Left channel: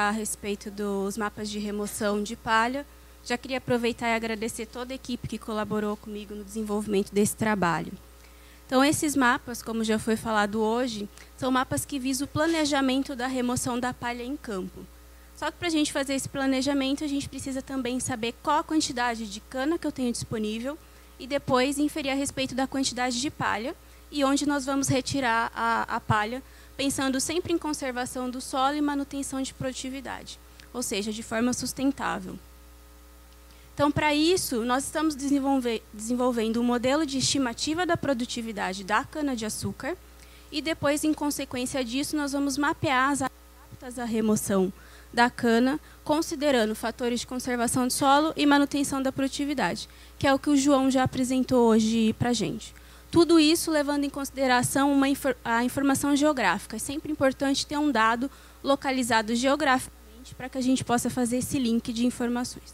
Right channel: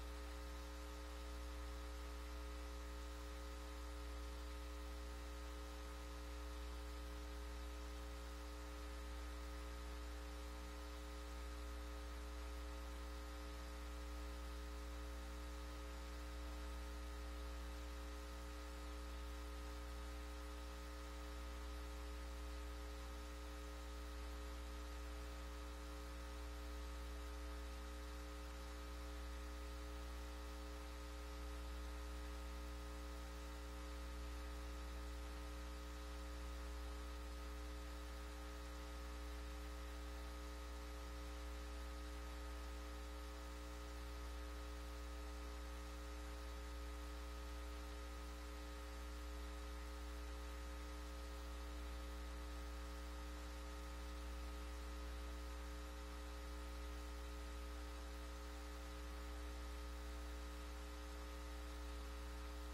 comentar a respeito dos mapas de remoção de palha. Já queria aproveitar e agradecer toda a equipe que colaborou comigo no desenvolvimento desse trabalho. Então, esses mapas, como já foi falado hoje, são mapas que visam o planejamento da remoção da palha em campo. Só que para a gente fazer esse planejamento, a gente precisa também saber qual a quantidade de cana que eu tenho disponível e depois inferir a respeito da quantidade de palha e onde nós vamos retirar a palha, pensando sempre em conservação do solo e manutenção de produtividade, ou seja, de forma sustentável. Então, para isso, nós estamos desenvolvendo um modelo de estimativa da produtividade da cana-de-açúcar e depois, em consequência disso, nós vamos mapear as adaptas à remoção da cana, considerando fatores de conservação do solo e manutenção da produtividade, que é o que o João já apresentou hoje para a gente. Tudo isso levando em consideração a informação geográfica. É sempre importante ter um dado localizado geograficamente para que a gente possa fazer esse link de informações.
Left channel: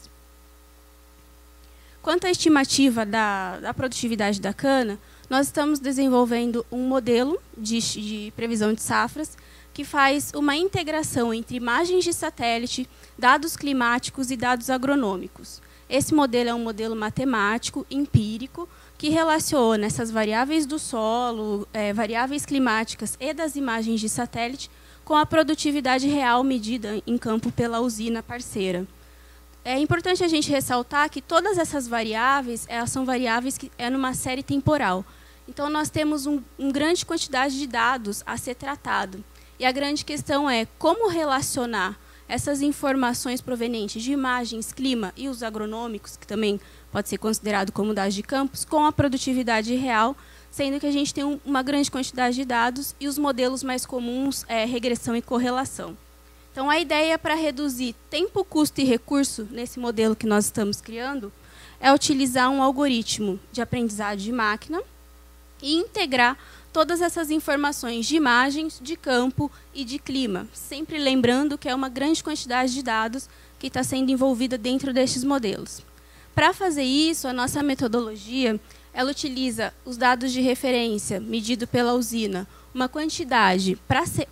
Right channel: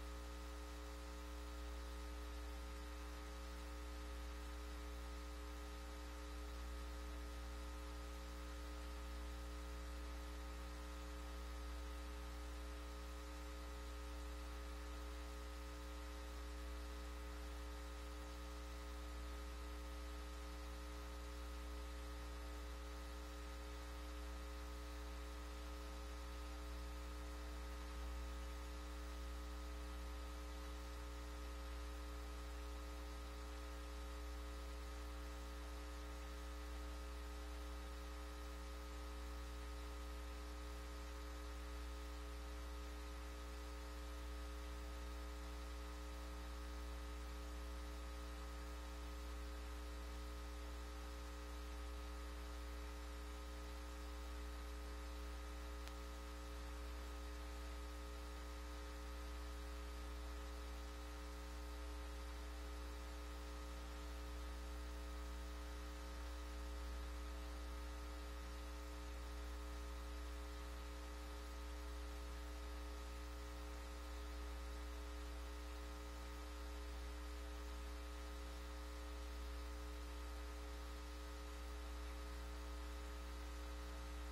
Quanto à estimativa da produtividade da cana, nós estamos desenvolvendo um modelo de previsão de safras que faz uma integração entre imagens de satélite, dados climáticos e dados agronômicos. Esse modelo é um modelo matemático, empírico, que relaciona essas variáveis do solo, variáveis climáticas e das imagens de satélite com a produtividade real medida em campo pela usina parceira. É importante a gente ressaltar que todas essas variáveis, elas são variáveis que é numa série temporal. Então, nós temos uma grande quantidade de dados a ser tratado. E a grande questão é como relacionar essas informações provenientes de imagens, clima e os agronômicos, que também pode ser considerado como dados de campos, com a produtividade real, sendo que a gente tem uma grande quantidade de dados e os modelos mais comuns é regressão e correlação. Então, a ideia para reduzir tempo, custo e recurso nesse modelo que nós estamos criando é utilizar um algoritmo de aprendizado de máquina e integrar todas essas informações de imagens, de campo e de clima, sempre lembrando que é uma grande quantidade de dados que está sendo envolvida dentro destes modelos. Para fazer isso, a nossa metodologia ela utiliza os dados de referência medido pela usina, uma quantidade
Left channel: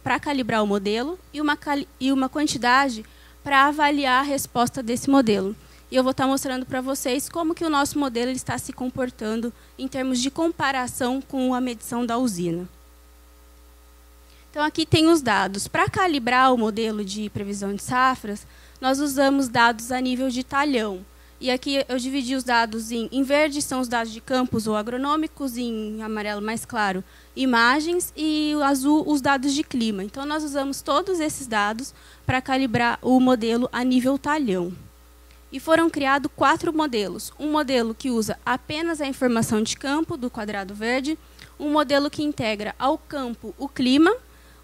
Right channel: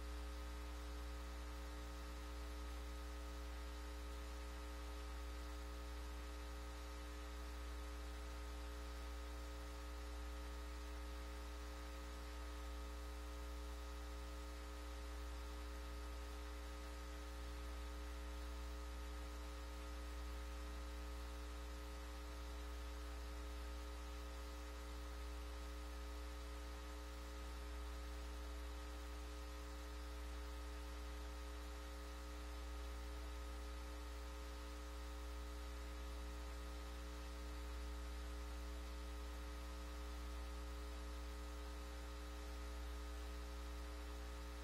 para calibrar o modelo e uma quantidade para avaliar a resposta desse modelo. E eu vou estar mostrando para vocês como que o nosso modelo está se comportando em termos de comparação com a medição da usina. Então, aqui tem os dados. Para calibrar o modelo de previsão de safras, nós usamos dados a nível de talhão. E aqui eu dividi os dados em verde, são os dados de campos ou agronômicos, em amarelo mais claro, imagens, e o azul, os dados de clima. Então, nós usamos todos esses dados para calibrar o modelo a nível talhão. E foram criados 4 modelos. Um modelo que usa apenas a informação de campo, do quadrado verde, um modelo que integra ao campo o clima,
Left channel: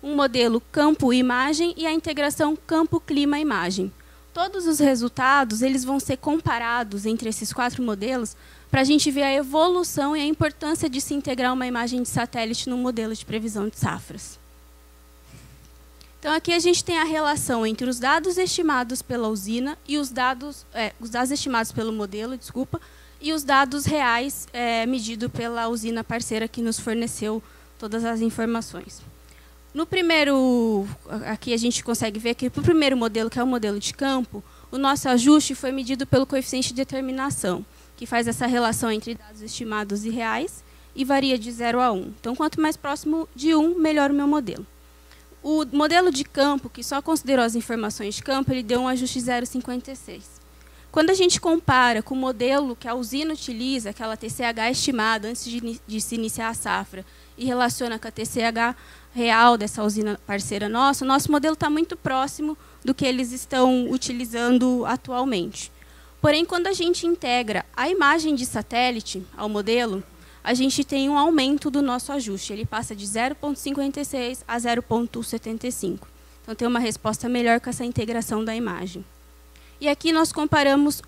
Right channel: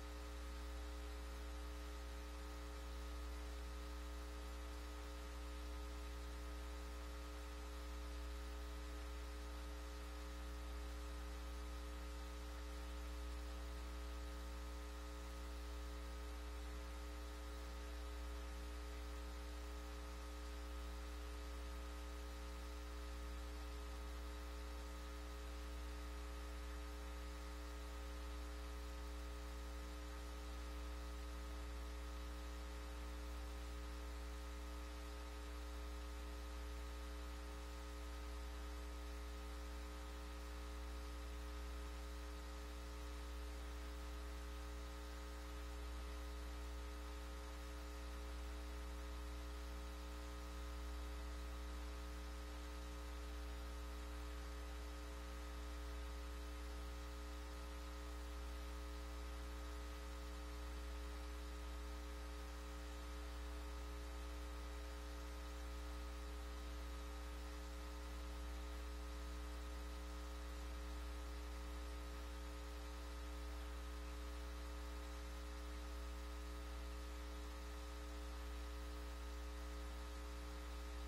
um modelo campo-imagem e a integração campo-clima-imagem. Todos os resultados eles vão ser comparados entre esses 4 modelos para a gente ver a evolução e a importância de se integrar uma imagem de satélite no modelo de previsão de safras. Então, aqui a gente tem a relação entre os dados estimados pela usina e os dados estimados pelo modelo, e os dados reais medidos pela usina parceira que nos forneceu todas as informações. No primeiro, aqui a gente consegue ver que para o primeiro modelo, que é o modelo de campo, o nosso ajuste foi medido pelo coeficiente de determinação, que faz essa relação entre dados estimados e reais e varia de 0 a 1. Então, quanto mais próximo de 1, melhor o meu modelo. O modelo de campo, que só considerou as informações de campo, ele deu um ajuste 0,56. Quando a gente compara com o modelo que a usina utiliza, aquela TCH estimada antes de se iniciar a safra, e relaciona com a TCH real dessa usina parceira nossa, o nosso modelo está muito próximo do que eles estão utilizando atualmente. Porém, quando a gente integra a imagem de satélite ao modelo, a gente tem um aumento do nosso ajuste. Ele passa de 0,56 a 0,75. Então, tem uma resposta melhor com essa integração da imagem. E aqui nós comparamos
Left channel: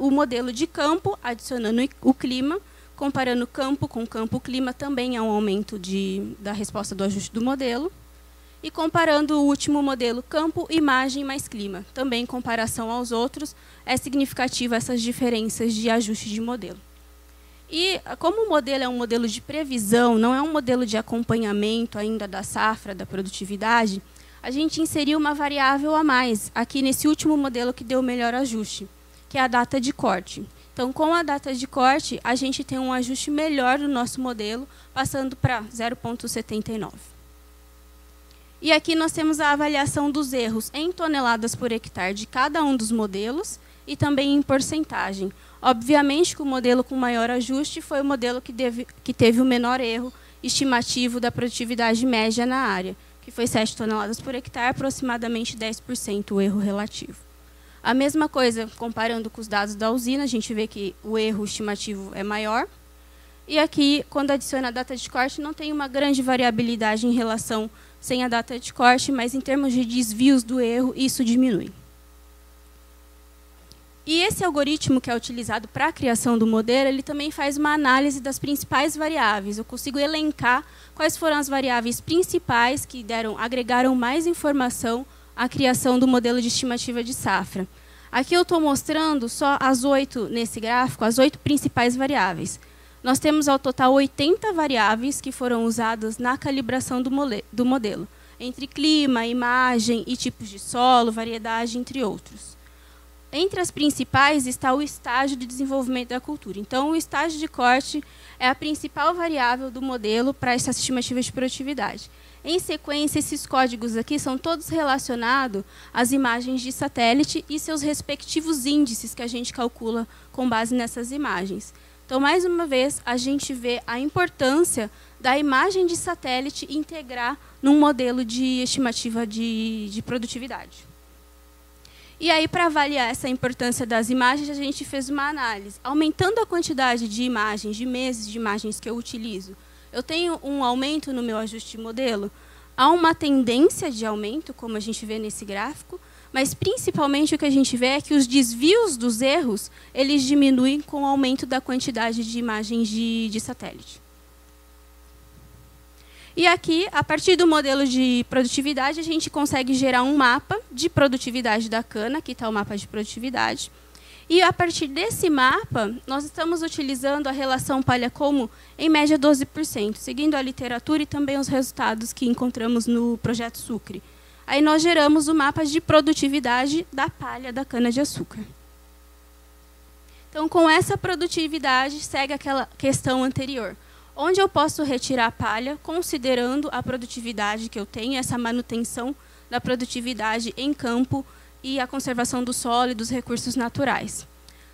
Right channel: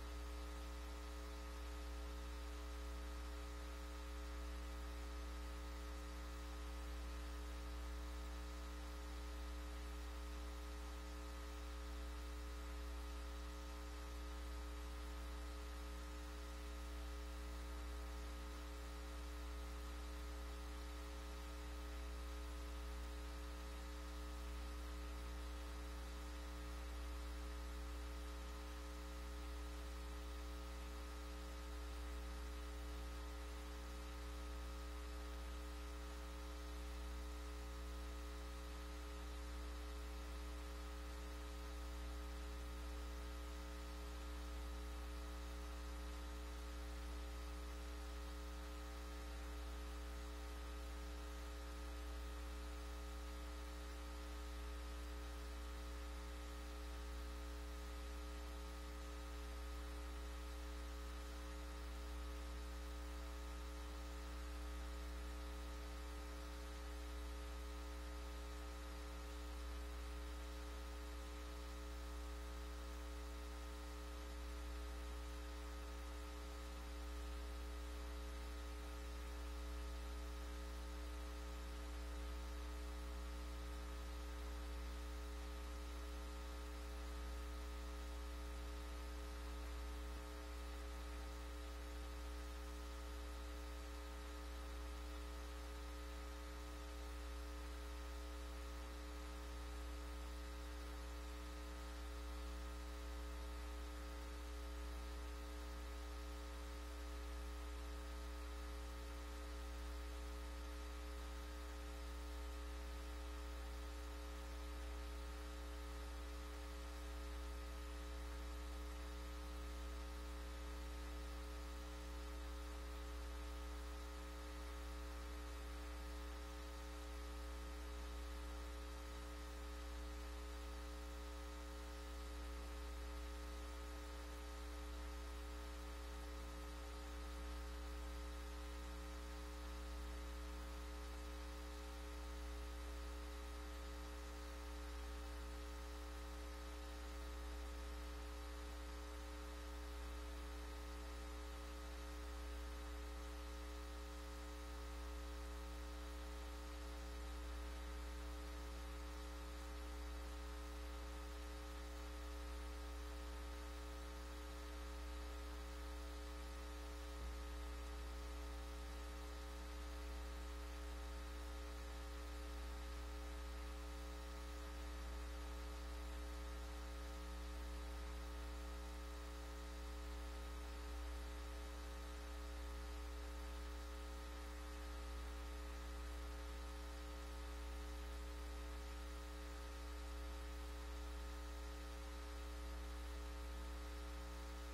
o modelo de campo, adicionando o clima, comparando campo com campo-clima, também é um aumento da resposta do ajuste do modelo. E comparando o último modelo campo, imagem mais clima. Também em comparação aos outros, é significativa essas diferenças de ajuste de modelo. E como o modelo é um modelo de previsão, não é um modelo de acompanhamento ainda da safra, da produtividade, a gente inseriu uma variável a mais aqui nesse último modelo que deu o melhor ajuste, que é a data de corte. Então, com a data de corte, a gente tem um ajuste melhor do nosso modelo, passando para 0,79. E aqui nós temos a avaliação dos erros em toneladas por hectare de cada um dos modelos e também em porcentagem. Obviamente que o modelo com maior ajuste foi o modelo que teve o menor erro estimativo da produtividade média na área, que foi 7 toneladas por hectare, aproximadamente 10% o erro relativo. A mesma coisa, comparando com os dados da usina, a gente vê que o erro estimativo é maior. E aqui, quando adiciona a data de corte, não tem uma grande variabilidade em relação sem a data de corte, mas em termos de desvios do erro, isso diminui. E esse algoritmo que é utilizado para a criação do modelo, ele também faz uma análise das principais variáveis. Eu consigo elencar quais foram as variáveis principais que agregaram mais informação à criação do modelo de estimativa de safra. Aqui eu estou mostrando só as 8, nesse gráfico, as 8 principais variáveis. Nós temos ao total 80 variáveis que foram usadas na calibração do modelo, entre clima, imagem e tipos de solo, variedade, entre outros. Entre as principais está o estágio de desenvolvimento da cultura. Então, o estágio de corte é a principal variável do modelo para essa estimativa de produtividade. Em sequência, esses códigos aqui são todos relacionados às imagens de satélite e seus respectivos índices que a gente calcula com base nessas imagens. Então, mais uma vez, a gente vê a importância da imagem de satélite integrar num modelo de estimativa de produtividade. E aí, para avaliar essa importância das imagens, a gente fez uma análise. Aumentando a quantidade de imagens, de meses de imagens que eu utilizo, eu tenho um aumento no meu ajuste de modelo? Há uma tendência de aumento, como a gente vê nesse gráfico, mas principalmente o que a gente vê é que os desvios dos erros, eles diminuem com o aumento da quantidade de imagens de satélite. E aqui, a partir do modelo de produtividade, a gente consegue gerar um mapa de produtividade da cana. Aqui está o mapa de produtividade. E, a partir desse mapa, nós estamos utilizando a relação palha-colmo em média 12%, seguindo a literatura e também os resultados que encontramos no projeto Sucre. Aí nós geramos o mapa de produtividade da palha da cana-de-açúcar. Então, com essa produtividade, segue aquela questão anterior. Onde eu posso retirar a palha, considerando a produtividade que eu tenho, essa manutenção da produtividade em campo e a conservação do solo e dos recursos naturais.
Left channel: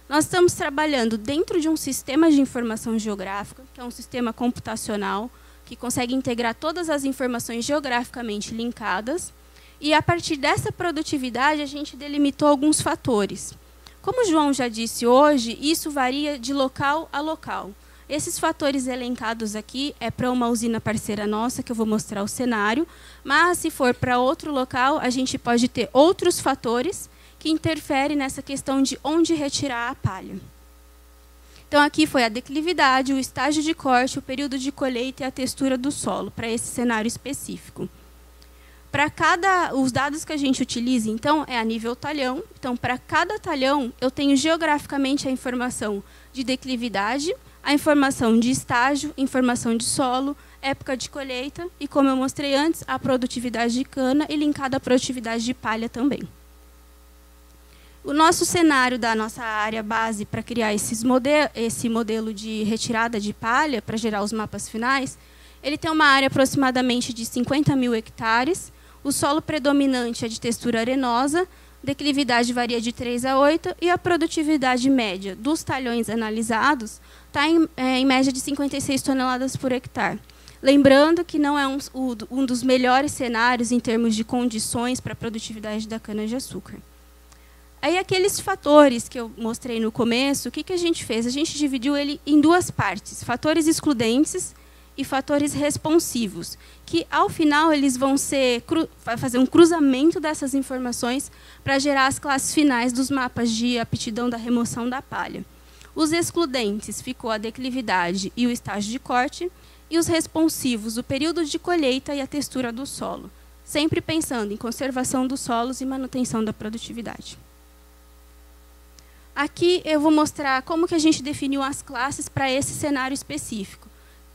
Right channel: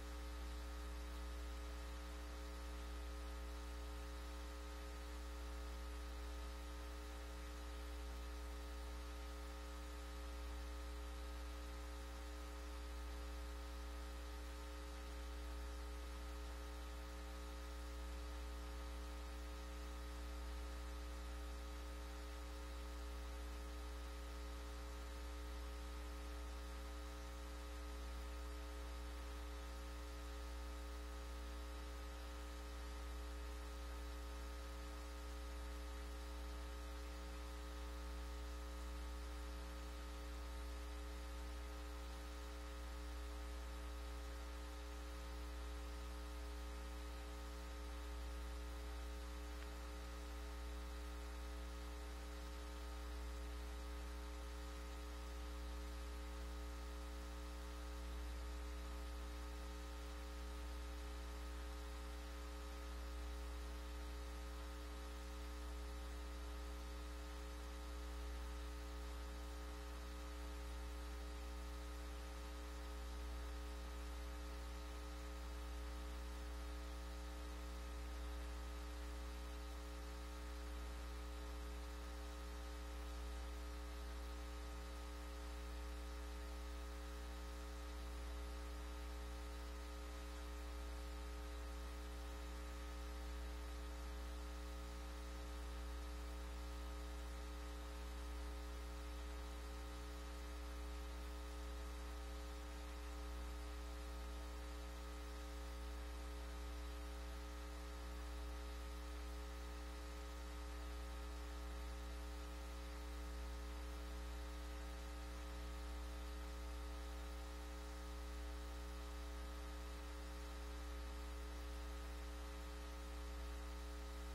Nós estamos trabalhando dentro de um sistema de informação geográfica, que é um sistema computacional, que consegue integrar todas as informações geograficamente linkadas, e a partir dessa produtividade a gente delimitou alguns fatores. Como o João já disse hoje, isso varia de local a local. Esses fatores elencados aqui é para uma usina parceira nossa, que eu vou mostrar o cenário, mas se for para outro local, a gente pode ter outros fatores que interferem nessa questão de onde retirar a palha. Então, aqui foi a declividade, o estágio de corte, o período de colheita e a textura do solo, para esse cenário específico. Os dados que a gente utiliza, então, é a nível talhão. Então, para cada talhão, eu tenho geograficamente a informação de declividade, a informação de estágio, informação de solo, época de colheita e, como eu mostrei antes, a produtividade de cana e linkada à produtividade de palha também. O nosso cenário da nossa área base para criar esse modelo de retirada de palha, para gerar os mapas finais, ele tem uma área aproximadamente de 50 mil hectares, o solo predominante é de textura arenosa, declividade varia de 3 a 8 e a produtividade média dos talhões analisados está em média de 56 toneladas por hectare. Lembrando que não é um dos melhores cenários em termos de condições para a produtividade da cana-de-açúcar. Aí, aqueles fatores que eu mostrei no começo, o que a gente fez? A gente dividiu ele em duas partes, fatores excludentes e fatores responsivos, que, ao final, eles vão fazer um cruzamento dessas informações para gerar as classes finais dos mapas de aptidão da remoção da palha. Os excludentes ficou a declividade e o estágio de corte, e os responsivos, o período de colheita e a textura do solo, sempre pensando em conservação dos solos e manutenção da produtividade. Aqui eu vou mostrar como que a gente definiu as classes para esse cenário específico.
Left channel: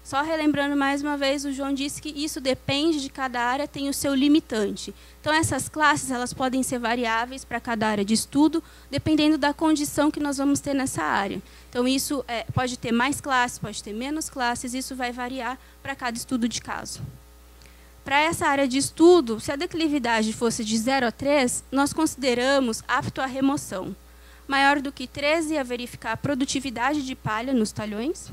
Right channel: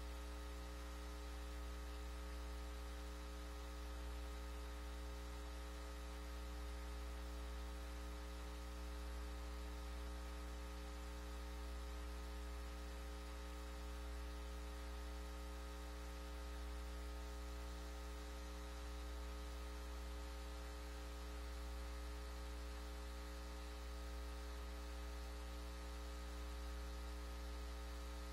Só relembrando mais uma vez, o João disse que isso depende de cada área, tem o seu limitante. Então, essas classes elas podem ser variáveis para cada área de estudo, dependendo da condição que nós vamos ter nessa área. Então, isso pode ter mais classes, pode ter menos classes, isso vai variar para cada estudo de caso. Para essa área de estudo, se a declividade fosse de 0 a 3, nós consideramos apto à remoção. Maior do que 13 é verificar a produtividade de palha nos talhões.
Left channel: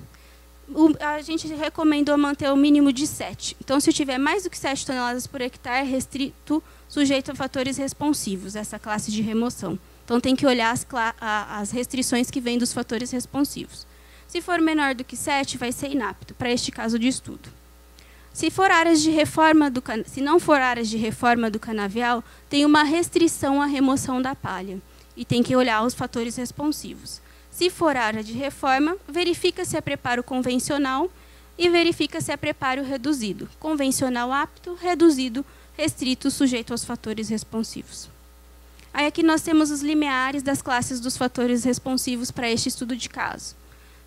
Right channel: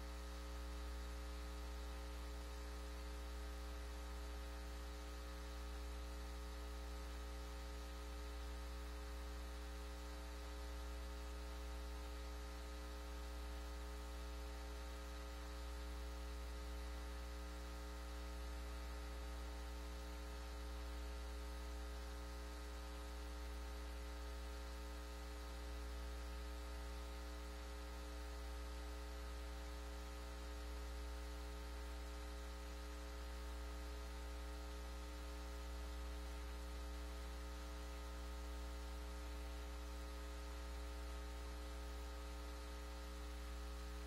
A gente recomendou manter o mínimo de 7. Então, se tiver mais do que 7 toneladas por hectare, é restrito, sujeito a fatores responsivos, essa classe de remoção. Então, tem que olhar as restrições que vêm dos fatores responsivos. Se for menor do que 7, vai ser inapto, para este caso de estudo. Se não for áreas de reforma do canavial, tem uma restrição à remoção da palha. E tem que olhar os fatores responsivos. Se for área de reforma, verifica se é preparo convencional e verifica se é preparo reduzido. Convencional apto, reduzido, restrito, sujeito aos fatores responsivos. Aí aqui nós temos os limiares das classes dos fatores responsivos para este estudo de caso.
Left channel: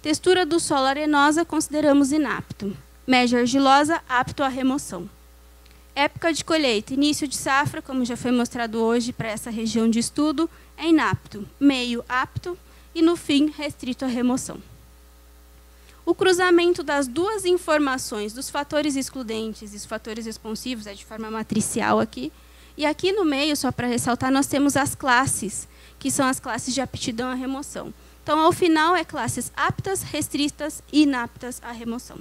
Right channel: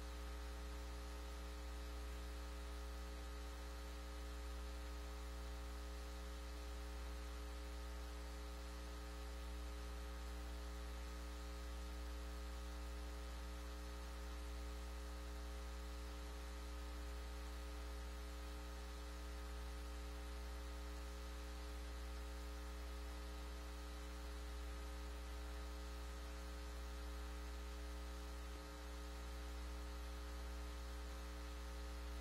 Textura do solo arenosa, consideramos inapto. Média argilosa, apto à remoção. Época de colheita, início de safra, como já foi mostrado hoje para essa região de estudo, é inapto. Meio, apto. E, no fim, restrito à remoção. O cruzamento das duas informações, dos fatores excludentes e os fatores responsivos, é de forma matricial aqui. E aqui no meio, só para ressaltar, nós temos as classes, que são as classes de aptidão à remoção. Então, ao final, é classes aptas, restritas e inaptas à remoção.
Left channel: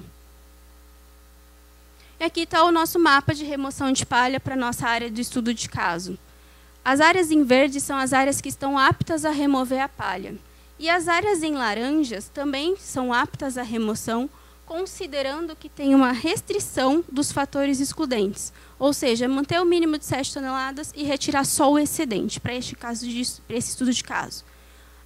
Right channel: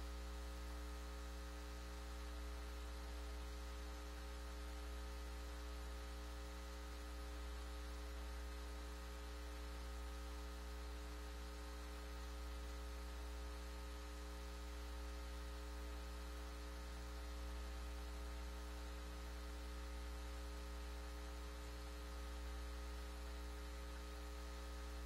E aqui está o nosso mapa de remoção de palha para a nossa área de estudo de caso. As áreas em verde são as áreas que estão aptas a remover a palha. E as áreas em laranjas também são aptas à remoção, considerando que tem uma restrição dos fatores excludentes. Ou seja, manter o mínimo de 7 toneladas e retirar só o excedente, para esse estudo de caso.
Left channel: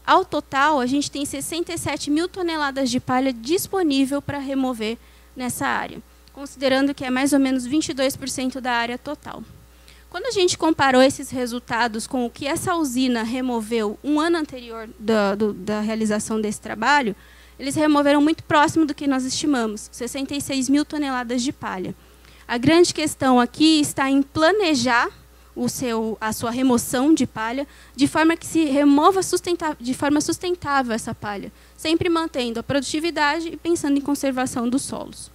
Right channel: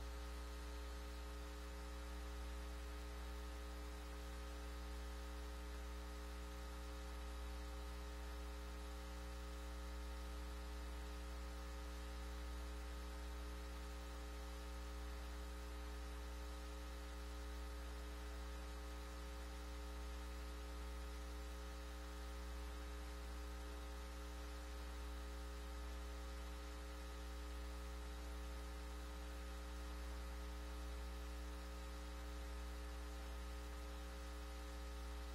Ao total, a gente tem 67 mil toneladas de palha disponível para remover nessa área, considerando que é mais ou menos 22% da área total. Quando a gente comparou esses resultados com o que essa usina removeu um ano anterior da realização desse trabalho, eles removeram muito próximo do que nós estimamos, 66 mil toneladas de palha. A grande questão aqui está em planejar a sua remoção de palha de forma que se remova de forma sustentável essa palha, sempre mantendo a produtividade e pensando em conservação dos solos.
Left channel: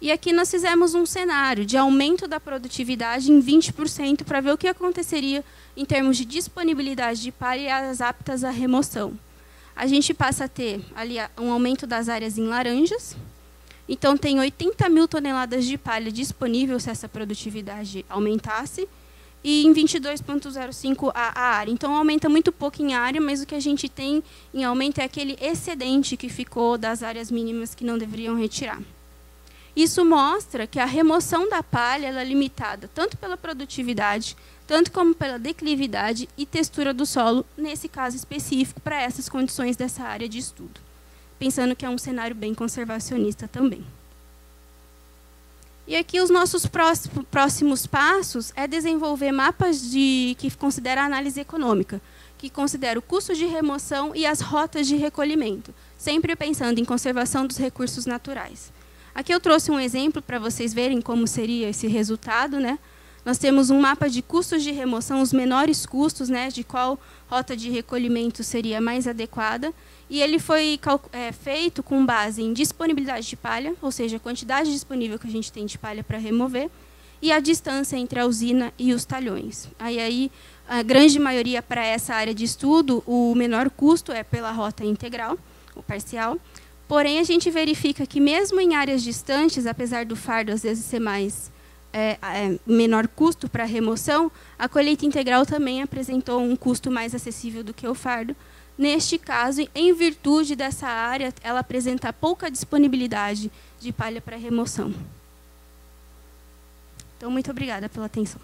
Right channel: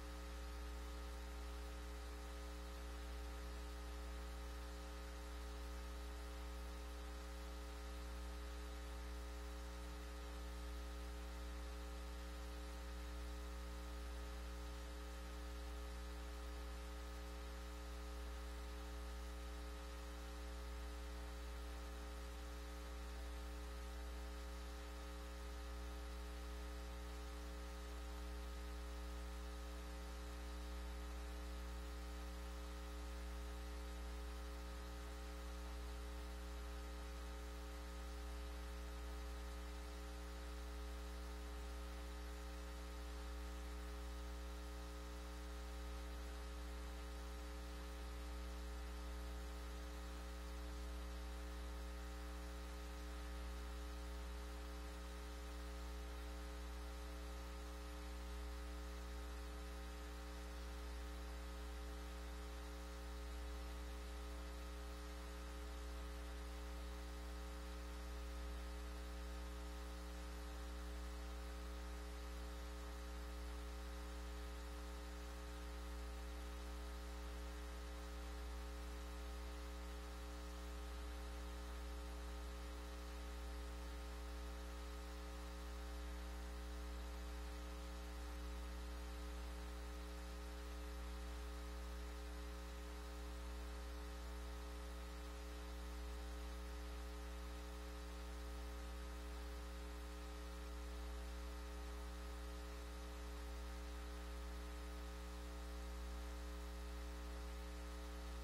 E aqui nós fizemos um cenário de aumento da produtividade em 20% para ver o que aconteceria em termos de disponibilidade de palha e as aptas à remoção. A gente passa a ter ali um aumento das áreas em laranjas. Então, tem 80 mil toneladas de palha disponível se essa produtividade aumentasse. E em 22,05 a área. Então, aumenta muito pouco em área, mas o que a gente tem em aumento é aquele excedente que ficou das áreas mínimas que não deveriam retirar. Isso mostra que a remoção da palha ela é limitada tanto pela produtividade, tanto como pela declividade e textura do solo, nesse caso específico, para essas condições dessa área de estudo. Pensando que é um cenário bem conservacionista também. E aqui os nossos próximos passos é desenvolver mapas que consideram a análise econômica, que considera o custo de remoção e as rotas de recolhimento, sempre pensando em conservação dos recursos naturais. Aqui eu trouxe um exemplo para vocês verem como seria esse resultado, né? Nós temos um mapa de custos de remoção, os menores custos, né, de qual rota de recolhimento seria mais adequada. E ele foi feito com base em disponibilidade de palha, ou seja, a quantidade disponível que a gente tem de palha para remover, e a distância entre a usina e os talhões. Aí a grande maioria para essa área de estudo, o menor custo é pela rota integral, ou parcial. Porém, a gente verifica que mesmo em áreas distantes, apesar do fardo às vezes ser menor custo para a remoção, a colheita integral também apresentou um custo mais acessível do que o fardo. Neste caso, em virtude dessa área, ela apresenta pouca disponibilidade de palha para remoção. Então, muito obrigada pela atenção.